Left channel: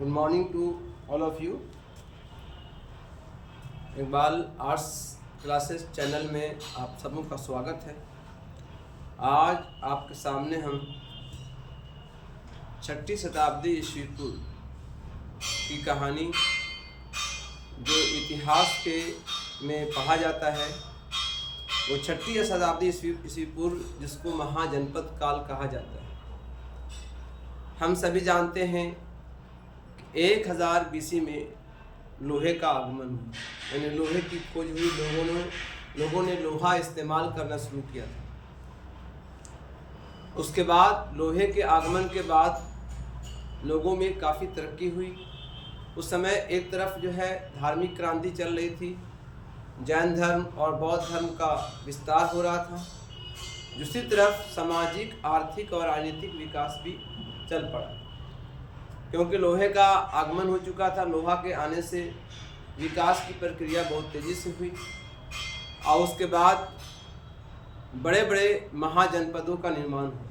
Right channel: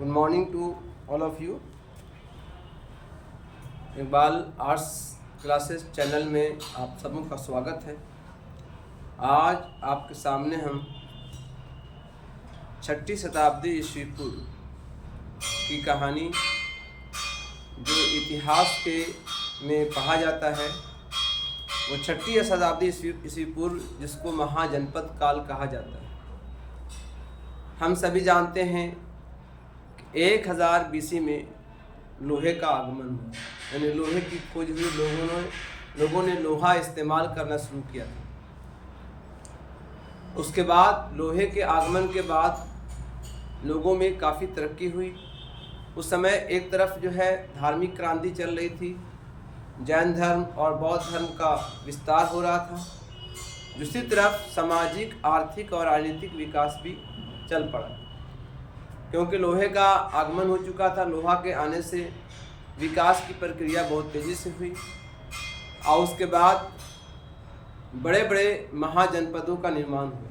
Good morning to all of you. Iqbal arts classes channel में आप सबों का स्वागत है। आज आपके सामने हम 6वीं शताब्दी ईस्वी पूर्व की कहानी जो इतिहास के में पढ़ा जाता है वो 6वीं शताब्दी ईस्वी पूर्व जिसको महाजनपद काल कहा जाता है। हम सभी जानते हैं 1000 BC में लोहे का आगमन हुआ, यानी लोहे की खोज हुई। लोगों ने लोहा इस्तेमाल करना शुरू किया था। उसके बाद लोहे के आगमन के बाद लोगों में काफ़ी तरक्की हुई। उस समय एक तरफ जो है धार्मिक क्रांति चल रही थी, जैन धर्म और बौद्ध धर्म का विस्तार हो रहा था। दूसरी तरफ सामाजिक, आर्थिक और राजनीतिक विकास भी चल पड़ा, क्योंकि लोहे का आगमन हो चुका था। लोहा के आने से विकास की प्रक्रिया बहुत तेज़ी से हुई और उसके बाद बड़े बड़े महाजनपदों का निर्माण हुआ।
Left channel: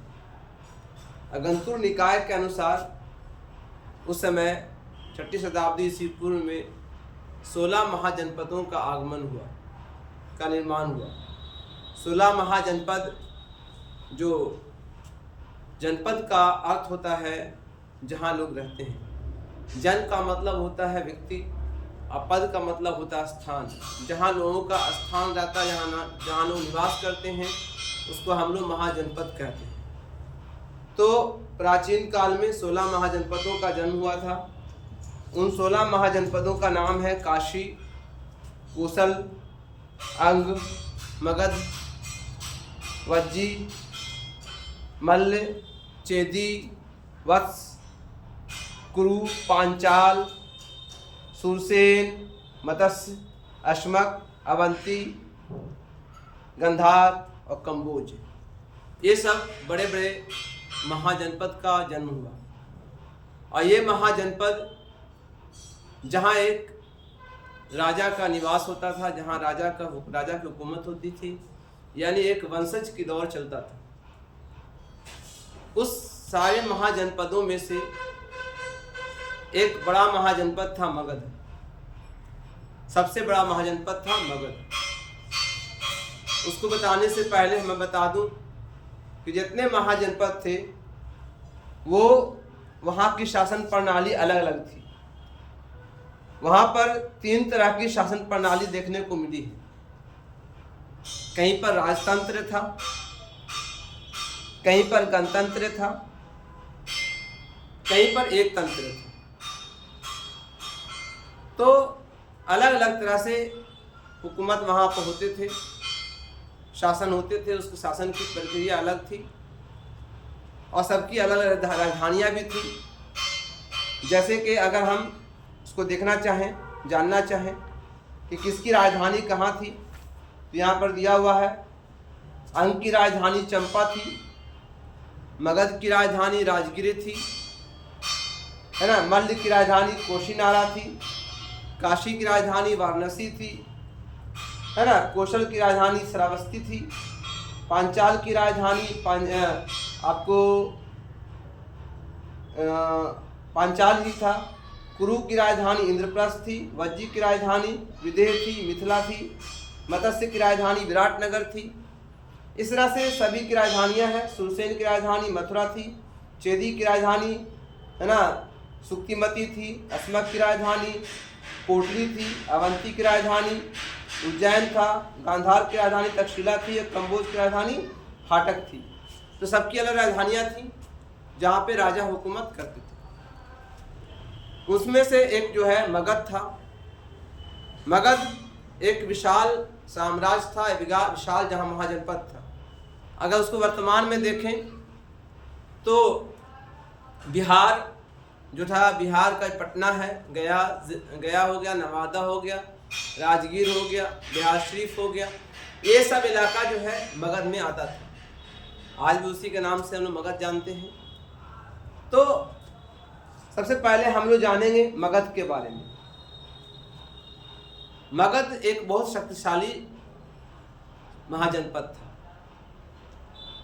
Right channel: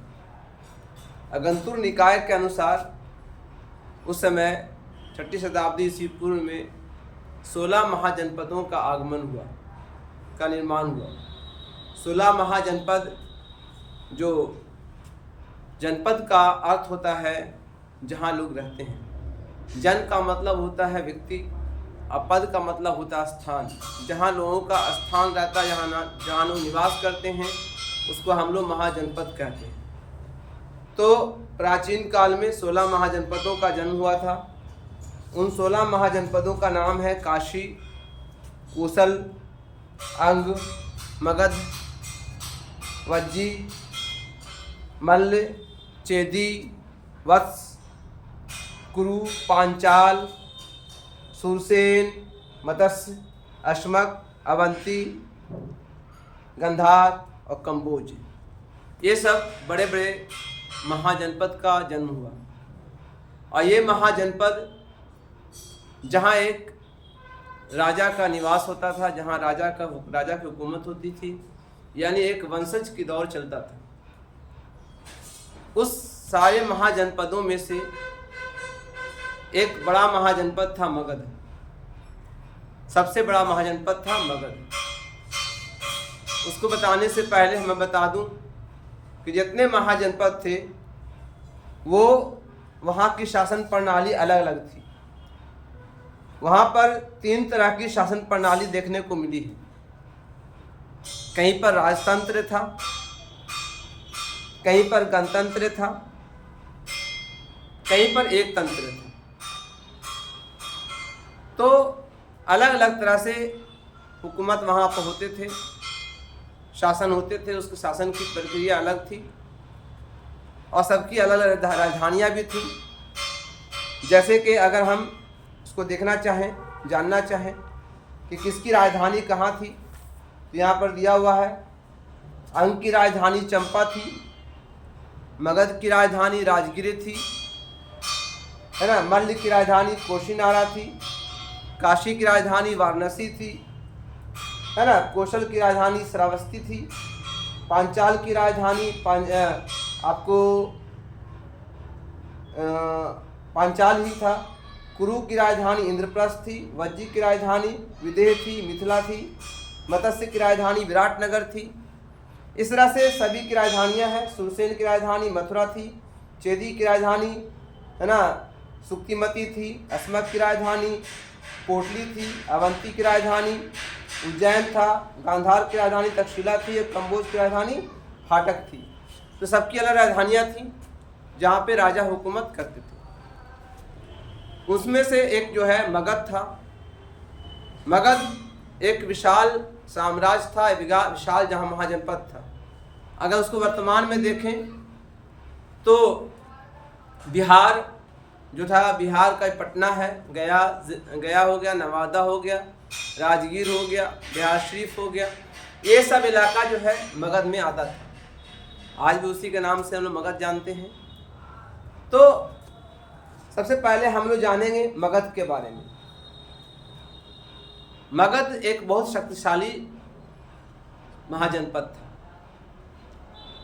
अगंतुर निकाय के अनुसार उस समय 6वीं शताब्दी ईस्वी पूर्व में 16 महाजनपदों का निर्माण हुआ। 16 महाजनपद, जो जनपद का अर्थ होता है जहाँ लोग रहते हैं। जन का मतलब होता है व्यक्ति और पद का मतलब होता है स्थान। जहाँ लोगों का स्थान रहता है, जहाँ लोग निवास करते हैं, उसको हम लोग महाजनपद कहते हैं। तो प्राचीन काल में 16 महाजनपदों का जन्म हुआ था। उन 16 महाजनपदों का नाम है काशी, कोसल, अंग, मगध, वज्जी, मल्ल, चेदी, वत्स, कुरु, पांचाल, सुरसेन, मत्स्य, अश्मक, अवंती, गंधार और कंबोज। ये सब बड़े बड़े महाजनपद का जन्म हुआ। और ये महाजनपद जहाँ एक राजा का निवास होता था, जहाँ राजा की हुकूमत होती थी, यानी एक वंशज की दौर चलता था। उस सारे महाजनपदों में से एक बड़ा महाजनपद था मगध। सबसे बड़ा महाजनपद था मगध। उसको बताने से पहले मैं बता दूं कि जितने महाजनपद थे वो वहाँ की शासन प्रणाली अलग अलग थी। वहाँ पर 3 तरह की शासन प्रणाली देखने को मिली है। कहीं पर राजतंत्र था, कहीं पर गणतंत्र था, कहीं पर एक तंत्र था। तो अलग अलग तरह से हुकूमत वहाँ पर होते थे, शासन होते थे। उसके शासन की प्रक्रिया अलग थी और सबकी अलग अलग राजधानियाँ भी थी। जैसे कि अगर हम उसको देखना चाहें, जानना चाहें कि किसकी राजधानी कहाँ थी, तो यहाँ पर दिया हुआ है। अंग की राजधानी चंपा थी, मगध की राजधानी राजगिरी थी, है ना। मल्ल की राजधानी कोशीनारा थी, काशी की राजधानी वाराणसी थी, है ना। कौशल की राजधानी श्रावस्ती थी, पांचाल की राजधानी पांचाल ही था, कुरु की राजधानी इंद्रप्रस्थ थी, वज्जी की राजधानी विदेह थी, मिथिला थी, मत्स्य की राजधानी विराटनगर थी। इस तरह से सभी की राजधानियाँ हैं। सुरसेन की राजधानी मथुरा थी, चेदी की राजधानी, है ना, सुक्तिमती थी, अस्मक की राजधानी कोटली थी, अवंती की राजधानी उज्जैन था, गांधार की राजधानी तक्षशिला थी, एक कंबोज की राजधानी हाटक थी। तो सबकी अलग राजधानियाँ थीं जहाँ पे राजा हुकूमत करते थे। उसमें से एक जो है मगध था। मगध एक विशाल साम्राज्य था, विशाल जहाँ महाजनपद था। अगर उसको वर्तमान में देखें तो बिहार जो था, बिहार का पटना है, गया हो गया, नवादा हो गया, राजगीर हो गया, बिहार शरीफ हो गया, ये सब इलाका जो है मगध में आता था। आज भी उसी के नाम से हम लोग मगध जानते हैं। तो सबसे पहले हम लोग जानेंगे मगध के बारे में। मगध एक बहुत शक्तिशाली महाजनपद था।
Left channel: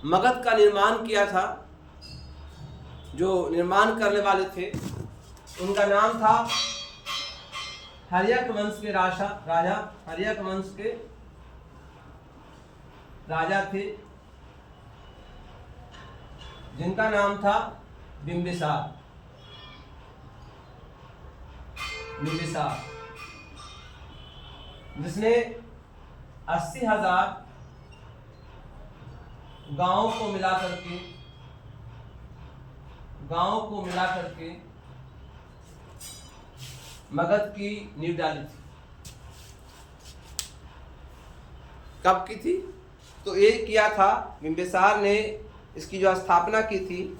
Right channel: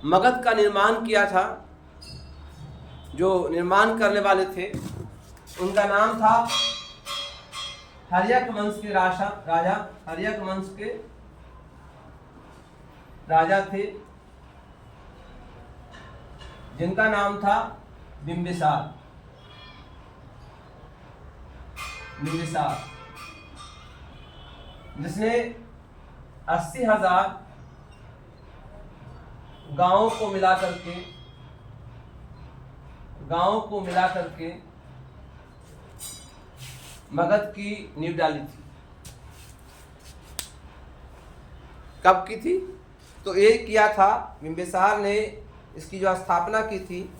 मगध का निर्माण किया था, जो निर्माण करने वाले थे उनका नाम था हर्यक वंश के राजा हर्यक वंश के राजा थे, जिनका नाम था बिंबिसार। जिसने 80,000 गांवों को मिला करके मगध की नींव डाली थी। कब की थी? तो ये किया था बिंबिसार ने, इसकी जो स्थापना की थी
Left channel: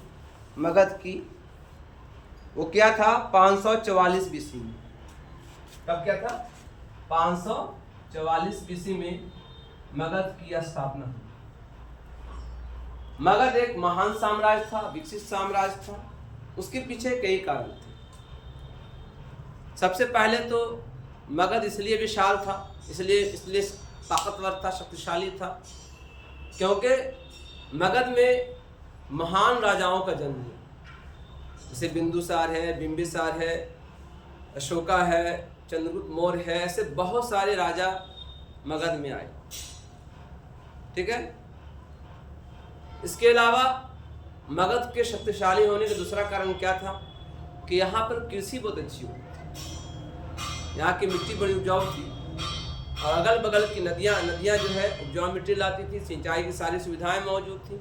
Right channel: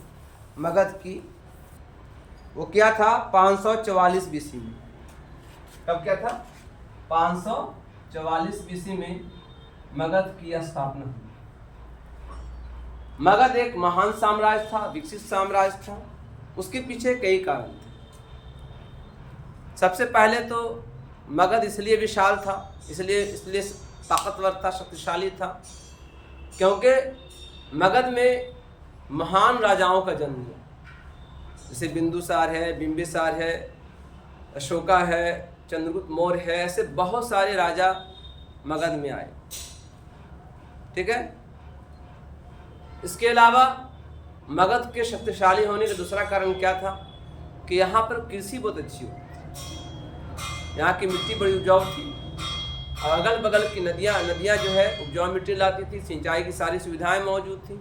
मगध की, वो क्या था 544 बीसी में। कब क्या था? 544 बीसी में मगध की स्थापना हुई। मगध एक महान साम्राज्य था, विकसित साम्राज्य था। उसके पीछे कई कारण थे। सबसे पहले तो मगध इसलिए विशाल था, इसलिए ताकतवर था, शक्तिशाली था, क्योंकि मगध में महान राजाओं का जन्म हुआ। जैसे बिंदुसार है, बिंबिसार है, अशोका है, चंद्रगुप्त मौर्य है, ऐसे बहुत सारे राजा मगध में आए। ठीक है। इसके अलावा मगध के शक्तिशाली होने का दूसरा कारण क्या था कि यहाँ पर कृषि बहुत अच्छी होती थी। यहाँ की मिट्टी बड़ी उपजाऊ थी और अगल बगल की नदियाँ जो है उपजाऊ मिट्टी लाती थी। सिंचाई की सारी सुविधाएं मौजूद थी।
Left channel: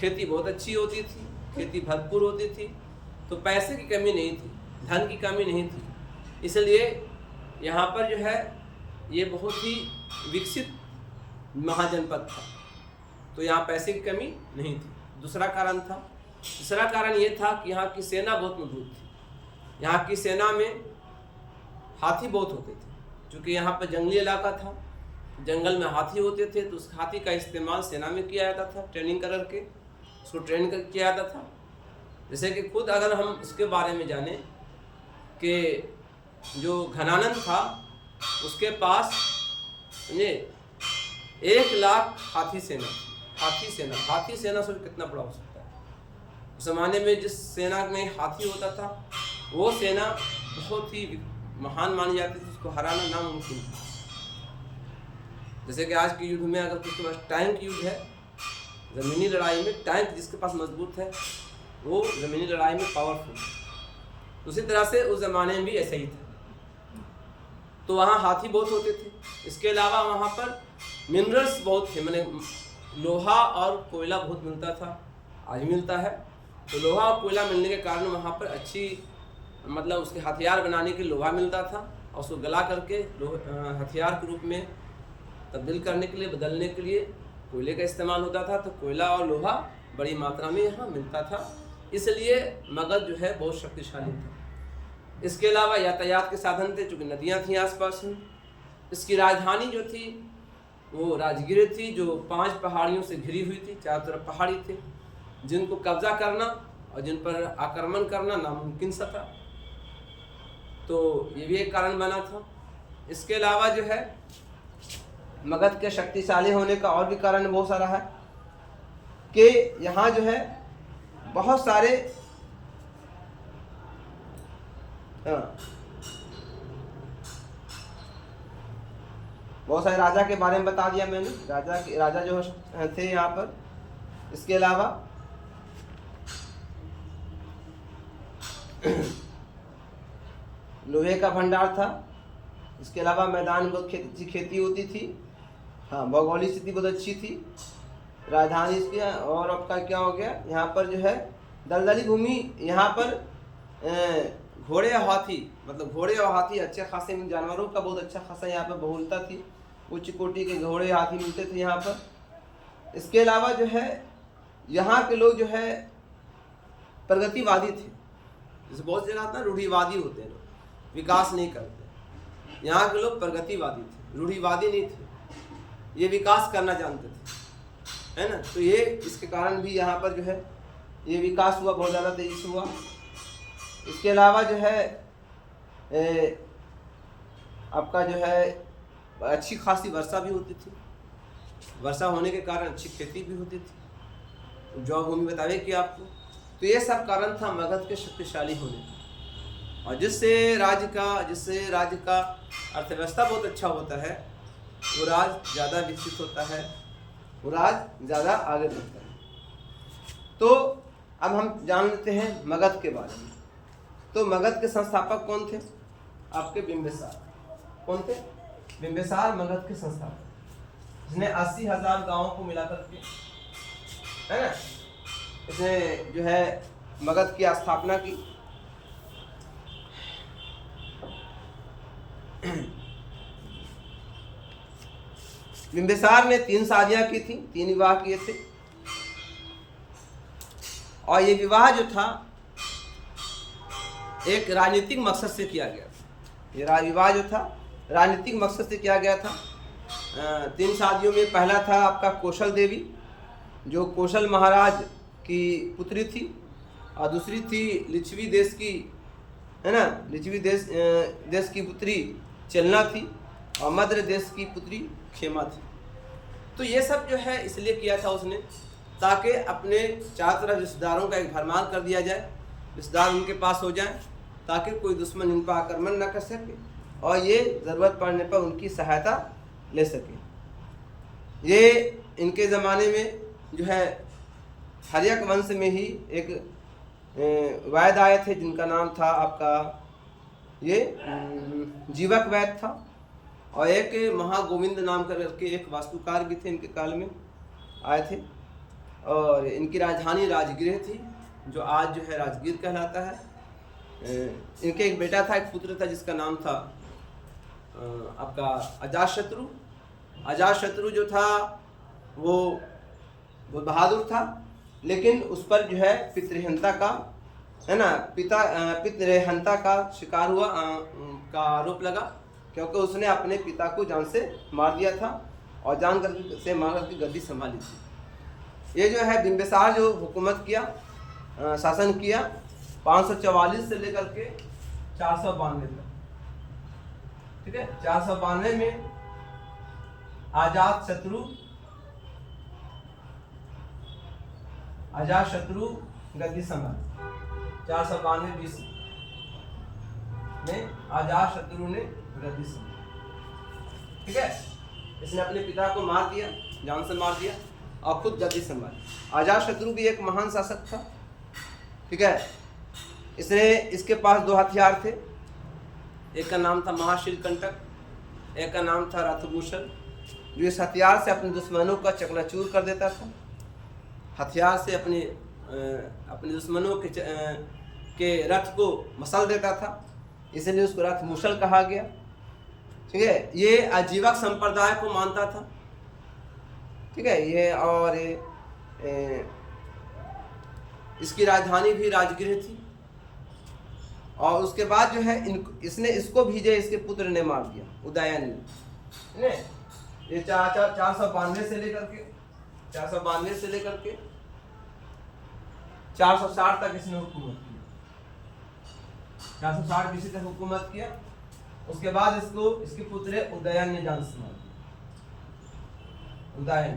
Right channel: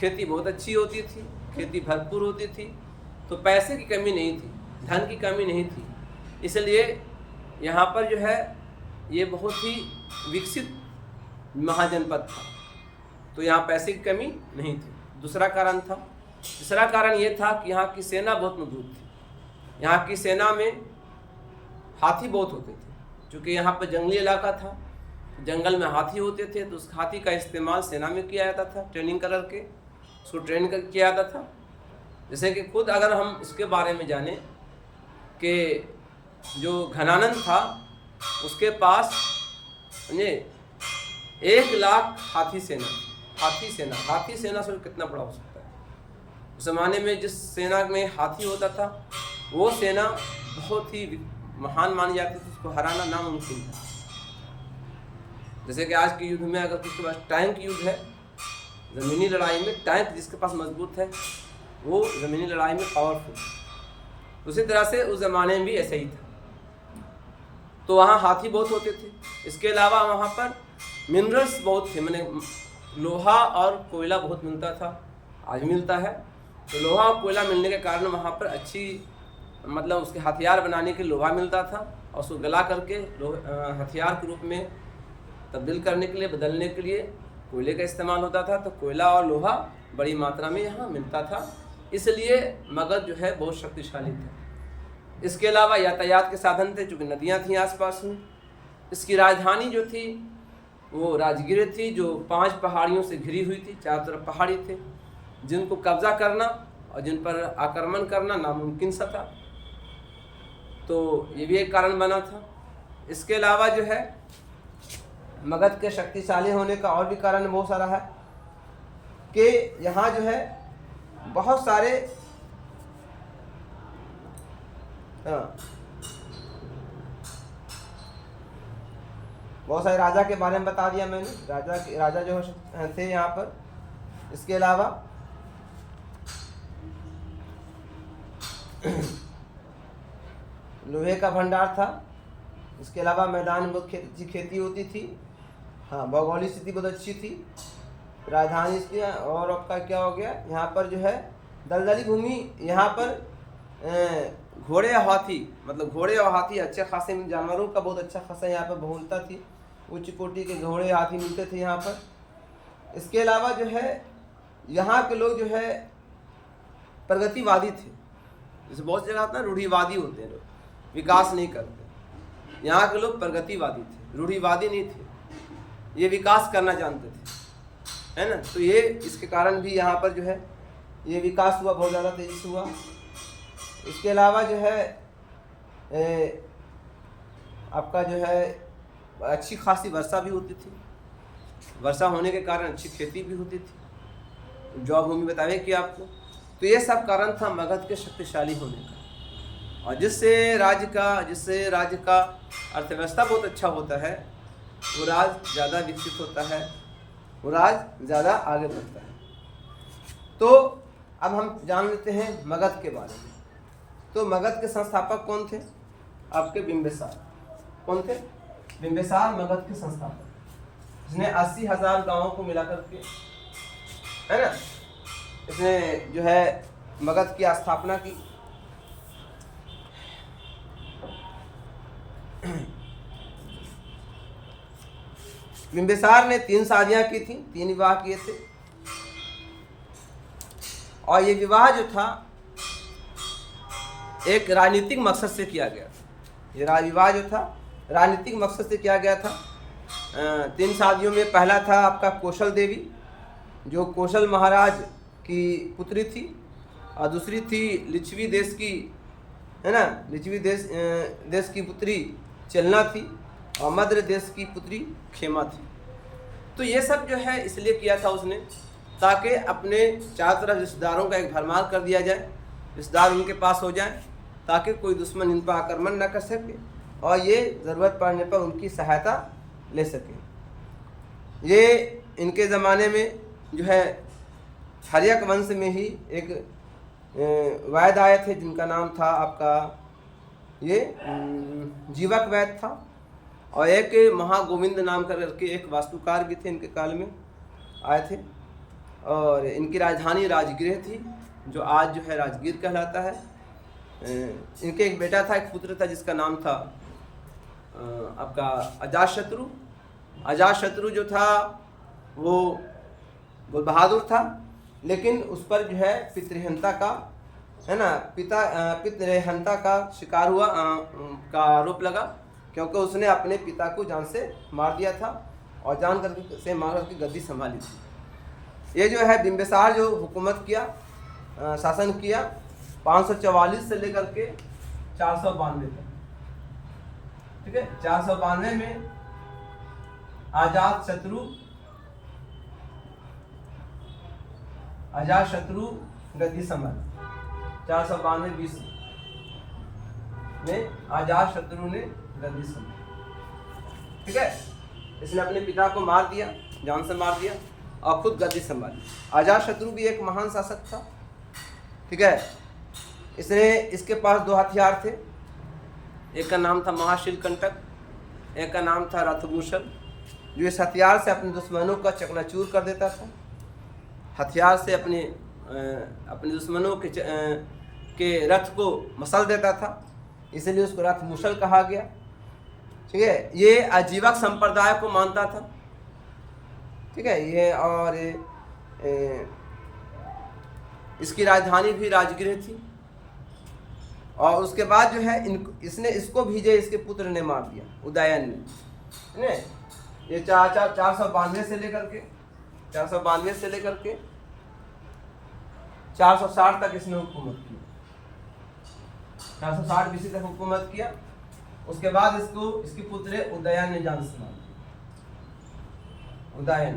खेती बहुत अच्छी होती थी, खेती भरपूर होती थी। तो पैसे की कमी नहीं थी, धन की कमी नहीं थी। इसलिए यहाँ पर जो है ये बहुत ही विकसित महाजनपद था। तो यहाँ पैसे की कमी नहीं थी, दूसरा कारण था। तीसरा कारण ये था कि यहाँ की सेना बहुत मजबूत थी। यहाँ की सेना में हाथी बहुत होते थे, क्योंकि यहाँ पर जंगली इलाका था, जंगल में हाथी होते थे। तो उस हाथी का इस्तेमाल सेना में किया जाता था, ट्रेनिंग करके उसको किया जाता था। जैसे कि खुद अगर हम इसके बारे में जानें कि जो घनानंद था उसके पास 1,00,000 हाथी सेना सोच कितना बड़ा हो सकता है। उस ज़माने में जिस सेना में हाथी होता था वो सेना बहुत ही महान मानी जाती थी, उसको हराना नामुमकिन था। जैसे कि आज के युद्ध में अगर किसी के पास टैंक युद्ध है, ज़मीनी लड़ाई में टैंक जिसके पास मजबूत है वो ज़मीनी लड़ाई में पावरफुल है। उसी तरह से उस ज़माने में भी ऐसा ही था। तो वहाँ हाथी बहुत होते थे। इसके अलावा वहाँ पर मिनरल्स बहुत थे, माने लोहा और कोयला बहुत मिलता था, आज मिलता है। तो लोहा और कोयला मिलने के कारण वहाँ पर अच्छी मतलब उसके हथियार बनाने के लोहा मिलता था और उसको गला करके हथियार के रूप में तब्दील करने के लिए, बदलने के लिए कोयले का इस्तेमाल होता था। तो कोयला और लोहा बड़ी मात्रा में यहाँ मिलता था, इसलिए मगध जो है बहुत शक्तिशाली था। इसके अलावा यातायात के साधन थे, चूँकि नदियाँ थीं आसपास में। इसकी राजधानी जो थी वो राजगीर थी, जो 5 पहाड़ियों से घिरी हुई थी। चारों तरफ पहाड़ी थे जिनको कब्जा करना और जिन पर आक्रमण करना नामुमकिन सा था। तो ये भी एक कारण बना था। इसके अलावा जो है मगध के शक्तिशाली होने का और भी कारण बहुत सारा है कि यहाँ जो है बहुत सारे राजा के बारे में बता दिया मैंने। राजा जो थे यहाँ पर। इसके अलावा लोहे का भंडार था। इसके अलावा मैदान में बहुत खेती होती थी। हाँ, भौगोलिक स्थिति बहुत अच्छी थी। राजधानी इसकी। और आपका क्या हो गया, यहाँ पर जो है दलदली भूमि। यहाँ पर घोड़े और हाथी, मतलब घोड़े और हाथी अच्छे खासे जानवरों का बहुत अच्छा खासा यहाँ पर बहुलता थी। उच्च कोटि के घोड़े हाथी मिलते थे यहाँ पर। इसके अलावा जो है यहाँ के लोग जो है प्रगतिवादी थे। जैसे बहुत जगह था रूढ़िवादी होते हैं लोग, विकास नहीं करते। यहाँ के लोग प्रगतिवादी थे, रूढ़िवादी नहीं थे। ये विकास करना जानते थे, है ना। तो ये इसके कारण भी यहाँ पर जो है ये विकास हुआ, बहुत ज़्यादा तेजी से हुआ। इसके अलावा जो है आपका जो है अच्छी खासी वर्षा भी होती थी। वर्षा होने के कारण अच्छी खेती भी होती थी। जौ भूमि बतावे कि आपको। तो ये सब कारण था मगध के शक्तिशाली होने का। और जिससे राज्य का अर्थव्यवस्था बहुत अच्छा होता है, वो राज्य ज़्यादा विकसित होता है, वो राज्य ज़्यादा आगे बढ़ता है। तो अब हम जान लेते हैं मगध के बारे में। तो मगध के संस्थापक कौन थे? आपके बिंबिसार। कौन थे? बिंबिसार मगध के संस्थापक, जिसने 80,000 गांवों को मिलाकर के, है ना, इसने जो है मगध की स्थापना की। बिंबिसार ने 3 शादियां की थी, 3 विवाह किए थे। और ये विवाह जो था एक राजनीतिक मकसद से किया गया था। ये विवाह जो था राजनीतिक मकसद से किया गया था। 3 शादियों में पहला था आपका कौशल देवी, जो कौशल महाराज की पुत्री थी, और दूसरी थी लिच्छवी देश की, है ना, लिच्छवी देश की पुत्री चलना थी, और मद्र देश की पुत्री क्षेमा थी। तो ये सब जो है इसलिए किया था उसने, ताकि अपने चारों तरफ रिश्तेदारों का एक भरमार कर दिया जाए, रिश्तेदार उनके पास हो जाए, ताकि कोई दुश्मन इन पर आक्रमण न कर सके और ये ज़रूरत पड़ने पर उनकी सहायता ले सके। ये इनके ज़माने में जो है हर्यक वंश में ही एक वैद्य आए थे, जिनका नाम था आपका ये जीवक वैद्य था, और एक महागोविंद नाम करके एक वास्तुकार भी थे, इनके काल में आए थे। और इनकी राजधानी राजगृह थी, जो आज जो है राजगीर कहलाता है। इनके एक बेटा था, एक पुत्र था, जिसका नाम था आपका अजातशत्रु। अजातशत्रु जो था वो बहुत बहादुर था, लेकिन उस पर जो है पितृहंता का, है ना, पितृहंता का शिकार हुआ का आरोप लगा, क्योंकि उसने अपने पिता को जान से मार दिया था और जान करके से मार करके गद्दी संभाली थी। ये जो है बिंबिसार जो हुकूमत किया, शासन किया 544 से लेकर के 492 तक, ठीक है। 492 में अजातशत्रु गद्दी संभाली। 492 BC में अजातशत्रु ने गद्दी संभाली, ठीक है। इसने अपने पिता को मार दिया, जान से मार दिया, और खुद गद्दी संभाली। अजातशत्रु भी एक महान शासक था, ठीक है। इसके पास 2 हथियार थे, एक का नाम था महाशिलकंटक, एक का नाम था रथमूषल, जो इस हथियार से अपने दुश्मनों का चकनाचूर कर देता था। हथियार से अपने दुश्मनों के रथ को मसल देता था, इसलिए उसको रथमूषल कहा गया, ठीक है। ये आजीवक संप्रदाय को मानता था, ठीक है ये। और इसकी राजधानी भी राजगृह थी। और उसके बाद जो है इसने इसको भेजे, इसके पुत्र ने मार दिया, उदयन ने। ये 492 से लेकर के 460 तक इसने हुकूमत किया। 460 BC तक हुकूमत किया। उसके बाद इसके पुत्र उदयन ने जान से मार दिया, उदयन,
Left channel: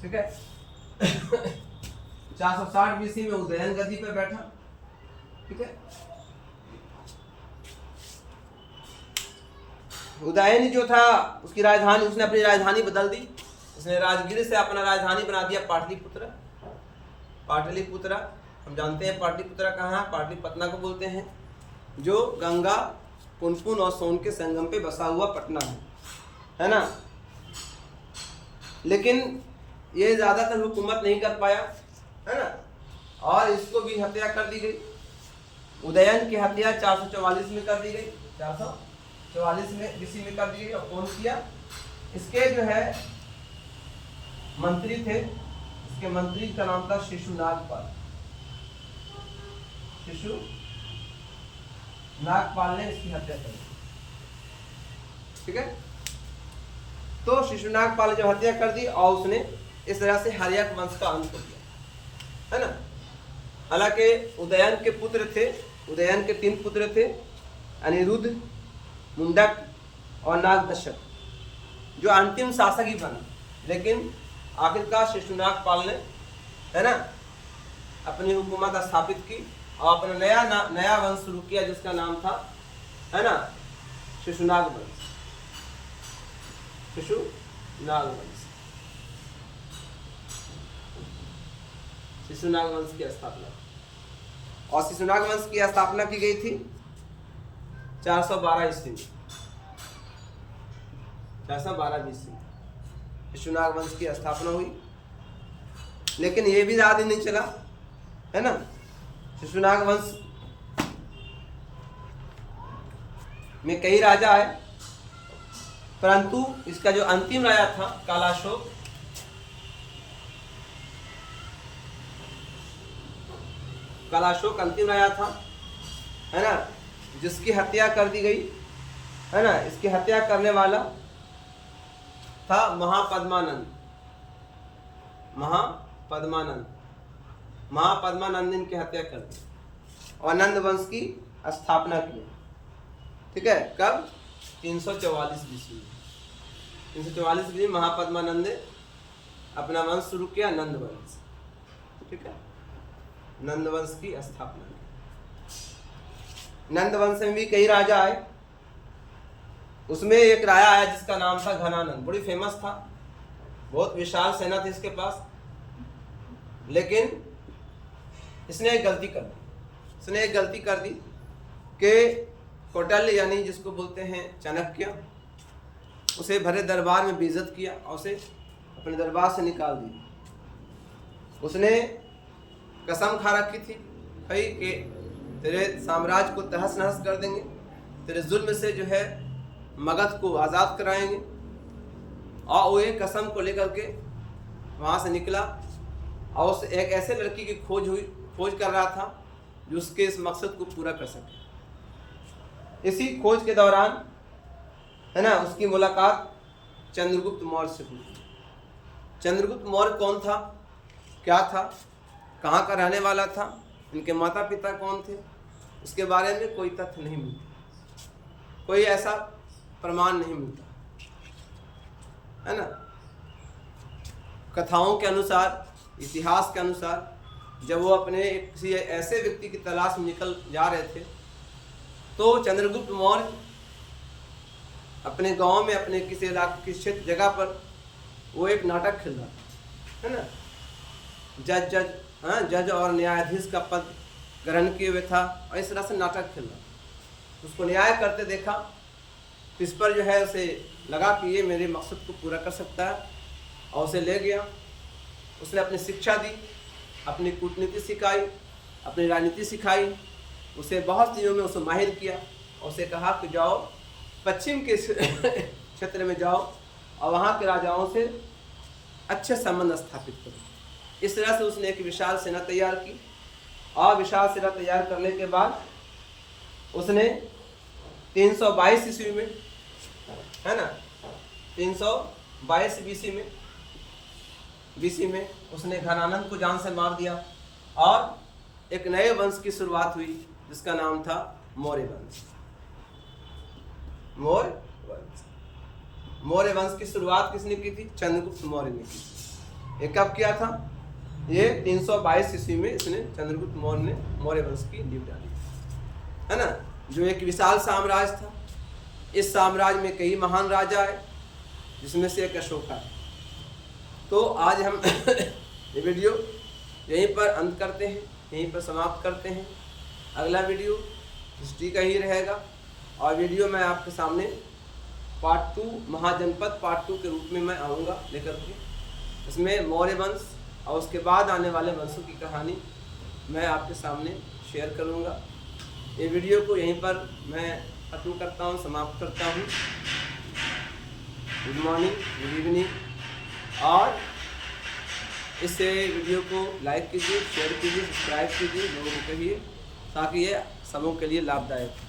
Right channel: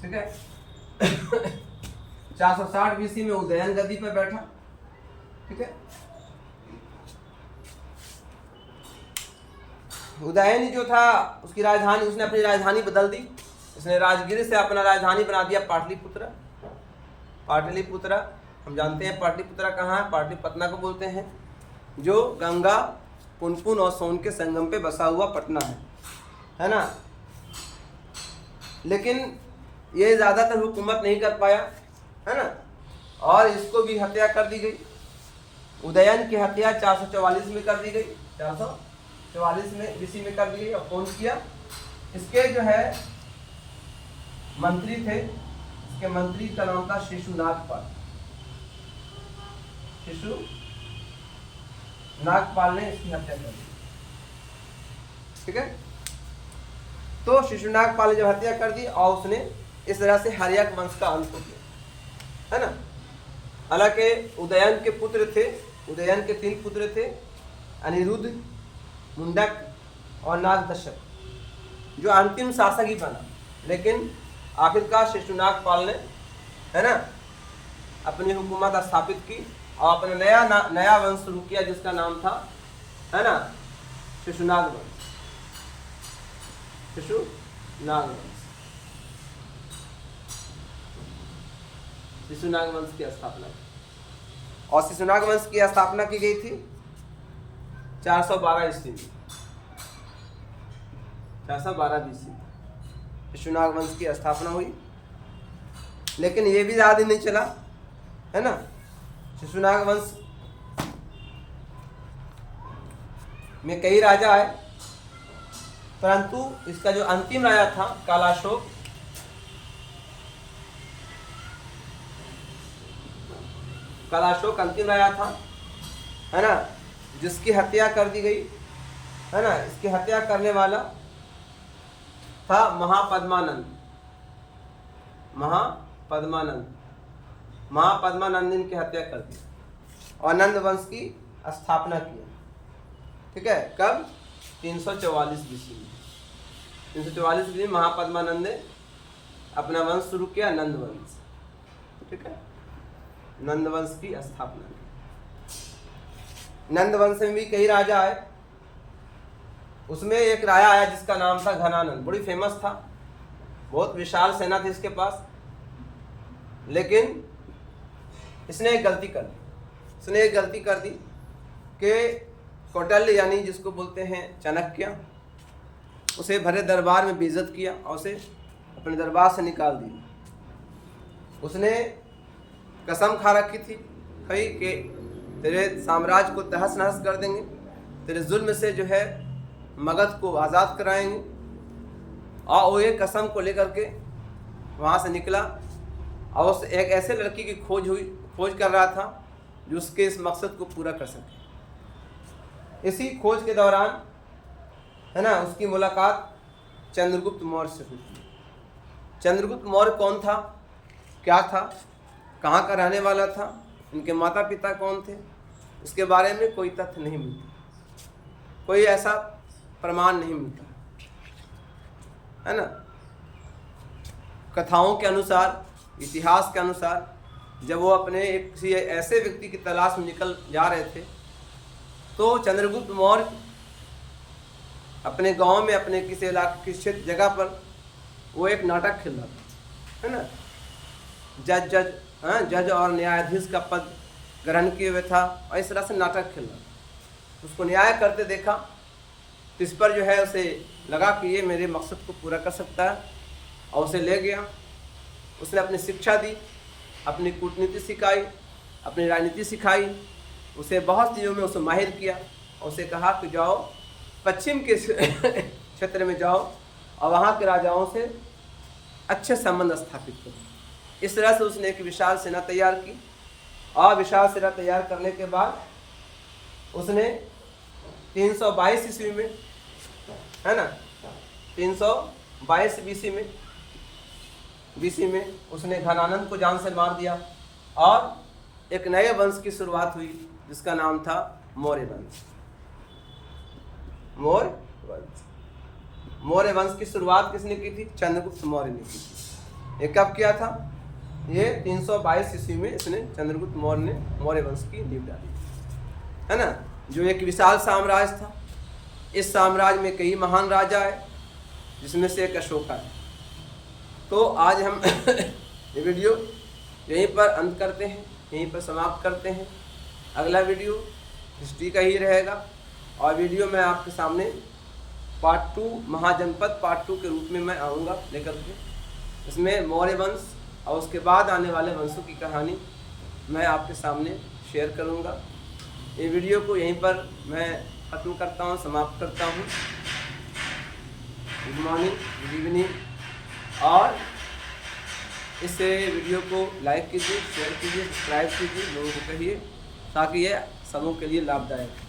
ठीक है। 460 BC में उदयन गद्दी पर बैठा, ठीक है। उदयन जो था उसकी राजधानी, उसने अपनी राजधानी बदल दी। इसने राजगीर से अपना राजधानी बना दिया पाटलिपुत्र। पाटलिपुत्र हम जानते हैं पाटलिपुत्र कहाँ है, पाटलिपटना को बोलते हैं, जो गंगा, पुनपुन और सोन के संगम पे बसा हुआ पटना है ना। लेकिन ये ज़्यादातर हुकूमत नहीं कर पाया, है ना, और इसको भी हत्या कर दी गई। उदयन की हत्या 444 में कर दी गई, 444 में BC में कर दी गई। और कौन किया? इसके जो है मंत्री थे, इसके मंत्री का नाम था शिशुनागपाल। शिशुनागपाल ने इसकी हत्या कर दी, ठीक है। तो शिशुनागपाल ने जब हत्या कर दी और उसने इस तरह से हर्यक वंश का अंत हो गया, है ना। हालांकि उदयन के पुत्र थे, उदयन के 3 पुत्र थे, अनिरुद्ध, मुंडक और नागदशक, जो अंतिम शासक ही बना। लेकिन आखिरकार शिशुनागपाल ने, है ना, अपनी हुकूमत स्थापित की और अपना नया वंश शुरू किया जिसका नाम था, है ना, शिशुनाग वंश। शिशुनाग वंश, शिशुनाग वंश की स्थापना। और शिशुनाग वंश की स्थापना की गई थी 412 ईस्वी में, 412 BC शिशुनाग वंश की स्थापना हुई। लेकिन ये भी ज़्यादा नहीं चला, है ना। शिशुनाग वंश में कई राजा आए, परंतु इसका जो अंतिम राजा था कालाशोक, अंतिम राजा था, है ना, जिसकी हत्या कर दी गई, है ना। इसकी हत्या करने वाला था महापद्मानंद ने इनकी हत्या कर दी और नंद वंश की स्थापना की। ठीक है, कब? 344 BC में। 344 BC में महापद्मानंद ने अपना वंश शुरू किया, नंद वंश। ठीक है, नंद वंश की स्थापना की। नंद वंश में भी कई राजा आए, उसमें एक राजा आया जिसका नाम था घनानंद। बड़ी फेमस था, बहुत विशाल सेना थी इसके पास, लेकिन इसने एक गलती कर दी कि कौटिल्य यानी जिसको बोलते हैं चाणक्य, उसे भरे दरबार में बेइज्जत किया और उसे अपने दरबार से निकाल दिया। उसने कसम खा रखी थी भाई कि तेरे साम्राज्य को तहस नहस कर देंगे, तेरे जुल्म से जो है मगध को आज़ाद कराएंगे। और वो एक कसम को लेकर के वहाँ से निकला और उस एक ऐसे लड़की की खोज कर रहा था जो उसके इस मकसद को पूरा कर सके। इसी खोज के दौरान, है ना, उसकी मुलाकात चंद्रगुप्त मौर्य से हुई। चंद्रगुप्त मौर्य कौन था, क्या था, कहाँ का रहने वाला था, इनके माता पिता कौन थे, इसके बारे में कोई तथ्य नहीं मिलता, कोई ऐसा प्रमाण नहीं मिलता, है ना। कथाओं के अनुसार, इतिहास के अनुसार, जब वो अपने किसी ऐसे व्यक्ति की तलाश में निकल जा रहे थे तो चंद्रगुप्त मौर्य अपने गांव में, अपने किसी इलाके, किसी जगह पर वो एक नाटक खेल रहा था, है ना। जज और न्यायाधीश का पद ग्रहण किए हुए था और इस तरह से नाटक खेल रहा था। उसको न्याय करते देखा तो इस पर जो है उसे लगा कि ये मेरे मकसद को पूरा कर सकता है और उसे ले गया। उसने अपनी शिक्षा दी, अपनी कूटनीति सिखाई, अपनी राजनीति सिखाई, उसे बहुत चीज़ों में उसे माहिर किया और उसे कहा कि जाओ पश्चिम के क्षेत्र में जाओ और वहाँ के राजाओं से अच्छे संबंध स्थापित करो। इस तरह से उसने एक विशाल सेना तैयार की और विशाल सेना तैयार करने के बाद उसने 322 ईस्वी में, है ना, 322 BC में उसने घनानंद को जान से मार दिया और एक नए वंश की शुरुआत हुई जिसका नाम था मौर्य वंश। मौर्य वंश की शुरुआत किसने की थी? चंद्रगुप्त मौर्य ने की थी। ये कब किया था? ये 322 ईस्वी में इसने चंद्रगुप्त मौर्य ने मौर्य वंश की नींव डाली, है ना, जो एक विशाल साम्राज्य था। इस साम्राज्य में कई महान राजा आए जिसमें से एक अशोका था। तो आज हम ये वीडियो यहीं पर अंत करते हैं, यहीं पर समाप्त करते हैं। अगला वीडियो हिस्ट्री का ही रहेगा और वीडियो मैं आपके सामने पार्ट 2 महाजनपद पार्ट 2 के रूप में मैं आऊँगा लेकर के। इसमें मौर्य वंश और उसके बाद आने वाले वंशों की कहानी मैं आपके सामने शेयर करूँगा। ये वीडियो को यहीं पर मैं ख़त्म करता हूँ, समाप्त करता हूँ। Good morning, good evening. और इस वीडियो को लाइक कीजिए, शेयर कीजिए, सब्सक्राइब कीजिए, लोगों को कहिए ताकि ये सबों के लिए लाभदायक हो।